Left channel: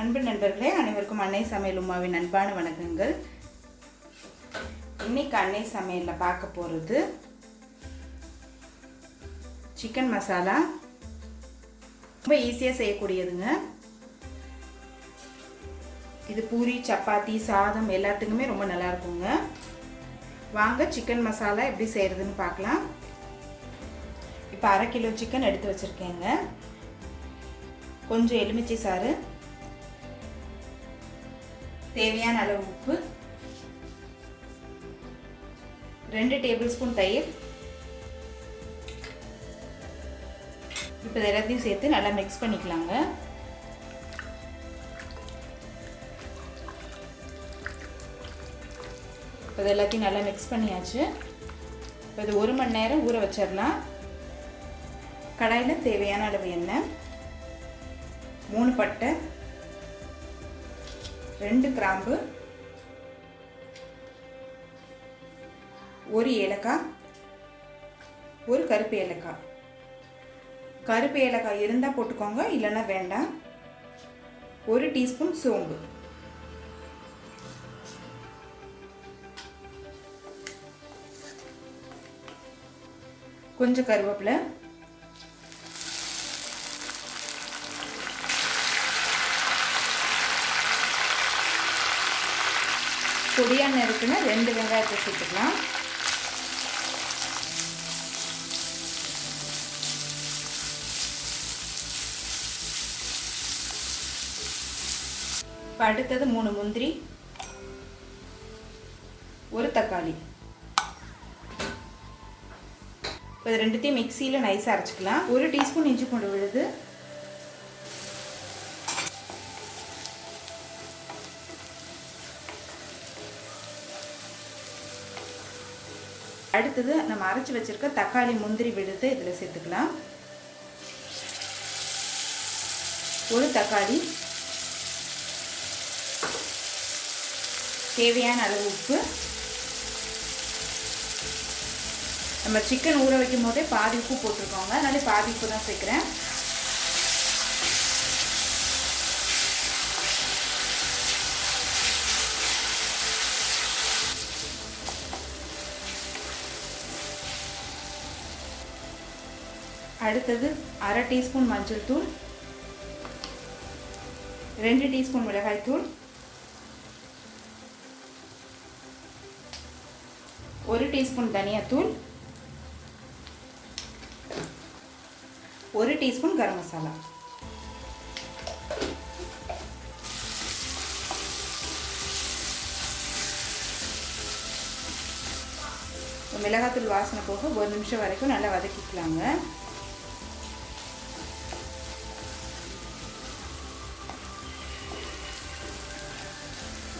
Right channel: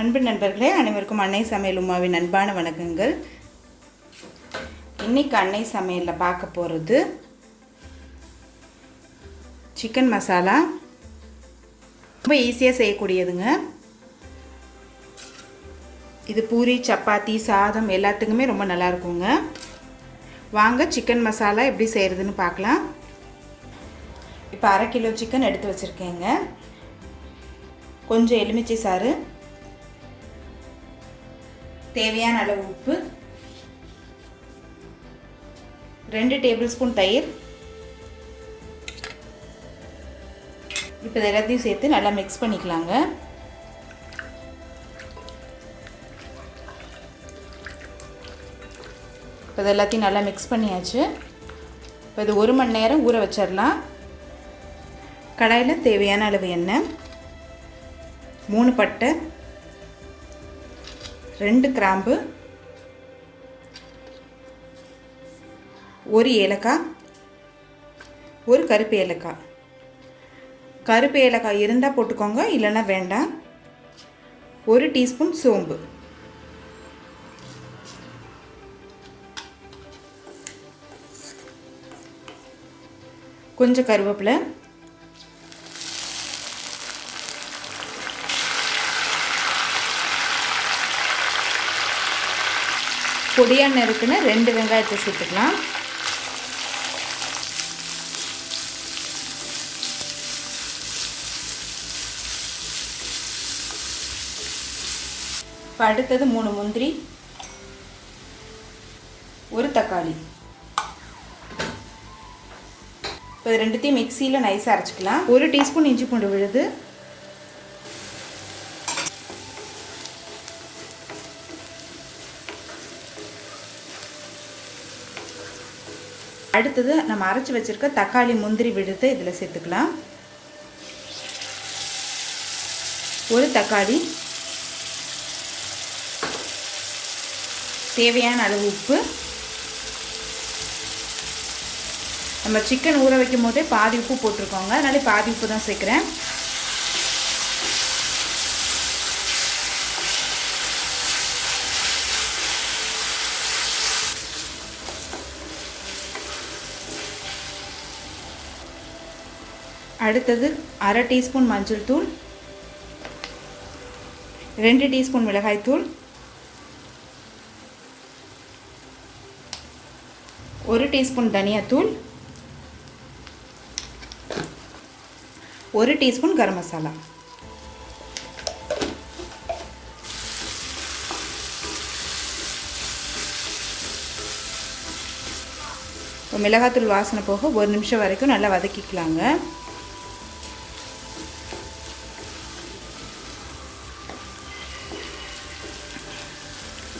அன்பு நண்பர்களே, அனைவருக்கும் அன்னை சமையல் உமாவின் அன்பான வணக்கங்கள். இன்னைக்கு அன்னை சமையலில் பார்க்க போகிறது சிக்கன் மசாலா. ரொம்ப ஈஸியாக செய்யக்கூடியதுங்க. இது பூரி, சப்பாத்தி, சாதம் எல்லாத்துக்குமே ரொம்ப நல்லா இருக்குங்க. வாங்க சிக்கன் மசாலா எப்படி செய்கிறதுன்னு பார்க்கலாம். இப்போ 1/2 கிலோ சிக்கன் எடுத்து வச்சுருக்கேங்க. கொஞ்சம் எலுமிச்சை சாறு, தேவையான அளவு உப்பு, 2 டேபிள் ஸ்பூன் தயிர். இப்போ எல்லாத்தையும் சேர்த்து நல்லா மிக்ஸ் பண்ணிக்கலாங்க. இப்போ எல்லாத்தையும் நல்லா மிக்ஸ் பண்ணியாச்சு. இப்போ இது 1 மணி நேரம் ஊற வச்சிடலாம். கடாயில் தேவையான அளவு எண்ணெய், 3 பட்டை, 2 கிராம்பு, 1 ஏலக்காய், 1 கருப்பு ஏலக்காய். கருப்பு ஏலக்காய் இருந்தால் போட்டுக்கோங்க, இல்லைன்னா வேண்டாம். 1 டீஸ்பூன் சோம்பு, கொஞ்சம் கருவேப்பிலை, பொடியாக நறுக்குன்னு 2 வெங்காயத்தை சேர்த்துக்கலாம். இப்போ அடுத்தது 3 முந்திரி, 1 தக்காளி. இப்போ இது ரெண்டுத்தையும் மிக்சியில் நைஸாக அரைச்சிக்கலாம். 1 டீஸ்பூன் இஞ்சி பூண்டு விழுது, அடுத்தது நம்ம அரைச்சி வச்சுருக்க தக்காளி, முந்திரி விழுது இதில் சேர்த்துக்கலாம். 1 தக்காளி, தேவையான அளவு உப்பு. நம்ம சிக்கன் ஊற வைக்கும் போதே பாதி உப்பு போட்டிருக்கோங்க, அதனால பாதி உப்பு தான் சேர்க்குறேன். அடுத்தது 1/2 டீஸ்பூன் மஞ்சள் தூள், 2 டீஸ்பூன் மிளகாய் தூள், 1 டீஸ்பூன் தனியாத்தூள், 1 டீஸ்பூன் கரம் மசாலா. மிளகாத்தூள் வாசனை போக 1 நிமிஷம் வரைக்கும் நல்லா வதக்கிக்கலாங்க.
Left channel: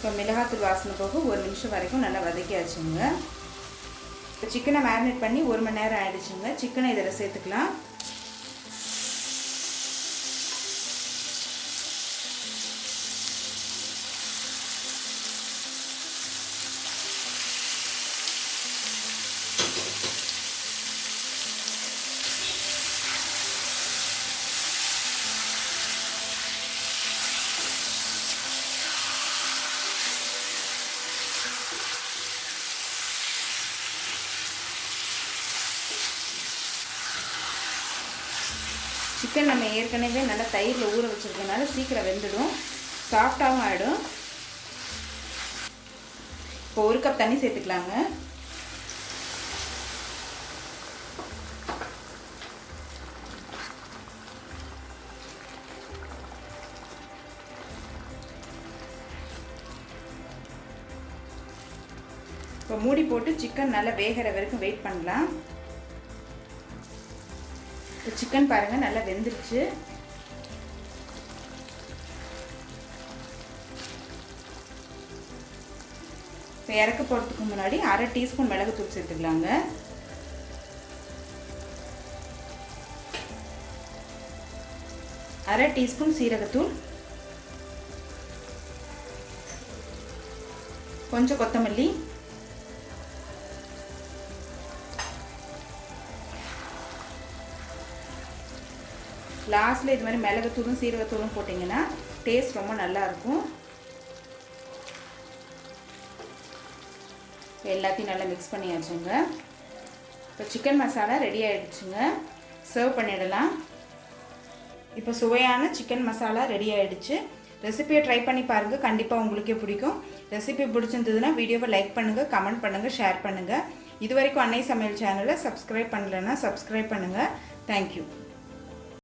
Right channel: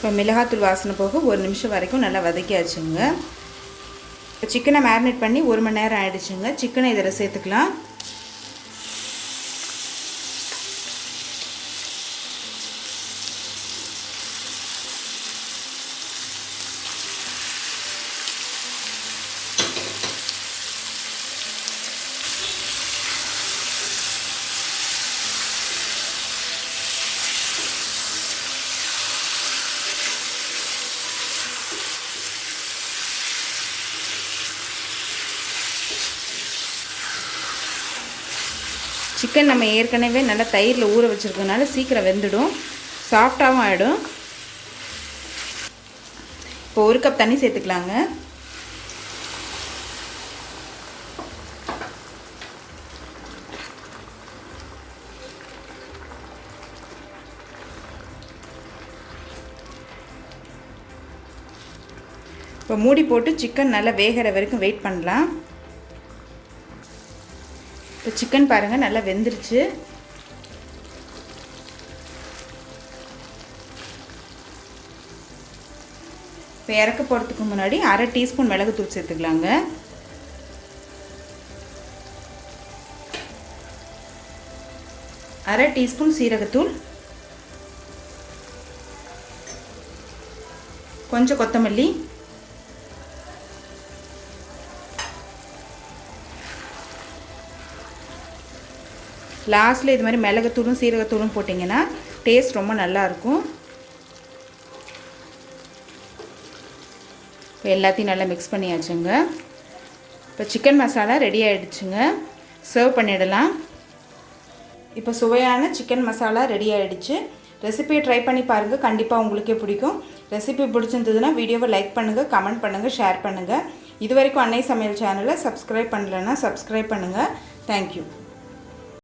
இப்போ மிளகாத்தூள் வாசனை போக 1 நிமிஷம் வரைக்கும் நல்லா வதக்கியாச்சுங்க. இப்போ சிக்கனை மேரினேட் பண்ணி 1 மணி நேரம் ஆகிடுச்சுங்க. சிக்கனை இதில் சேர்த்துக்கலாம். சிக்கன் நம்ம ஏற்கனவே நல்லா தயிரில் ஊற வச்சுருக்கனால சீக்கிரம் வெந்துடும், சாஃப்டாகவும் ஆகிடும். இப்போ 1 கப் தண்ணி சேர்த்துக்கலாங்க. இப்போ மூடி போட்டு சிக்கன் நல்லா வேகிற வரைக்கும் வெயிட் பண்ணலாம். இப்போ சிக்கன் பாருங்கள் நல்லா வெந்துருச்சு. இப்போ இறக்க போகிறதுக்கு முன்னாடி 1/2 டீஸ்பூன் மிளகுத்தூள் சேர்த்துக்கலாங்க. அரை டீஸ்பூன் சீரகத்தூள், கொஞ்சம் கொத்தமல்லி, லாஸ்ட்டில் இது மாதிரி மிளகுத்தூளும் சீரகத்தூளும் போட்டிங்கன்னா டேஸ்ட் ரொம்ப நல்லாயிருக்கும். இப்போ எல்லாத்தையும் நல்லா மிக்ஸ் பண்ணியாச்சுங்க. இப்போ சிக்கன் மசாலா ரெடி ஆகிடுச்சுங்க. சர்வ் பண்ணிடலாம். இப்போ சுவையான சிக்கன் மசாலா ரெடி ஆகிடுச்சு. ரெசிபியை ட்ரை பண்ணி பாருங்கள், கண்டிப்பாக உங்களுக்கே பிடிக்கும். ரெசிபி பிடிச்சிருந்ததுன்னா வீடியோவை லைக் பண்ணுங்கள், கமெண்ட் பண்ணுங்கள், ஷேர் பண்ணுங்கள். இது வரைக்கும் அன்னை சமையல் சேனலை சப்ஸ்கிரைப் பண்ணலைன்னா சப்ஸ்கிரைப் பண்ணுங்கள். தேங்க்யூ.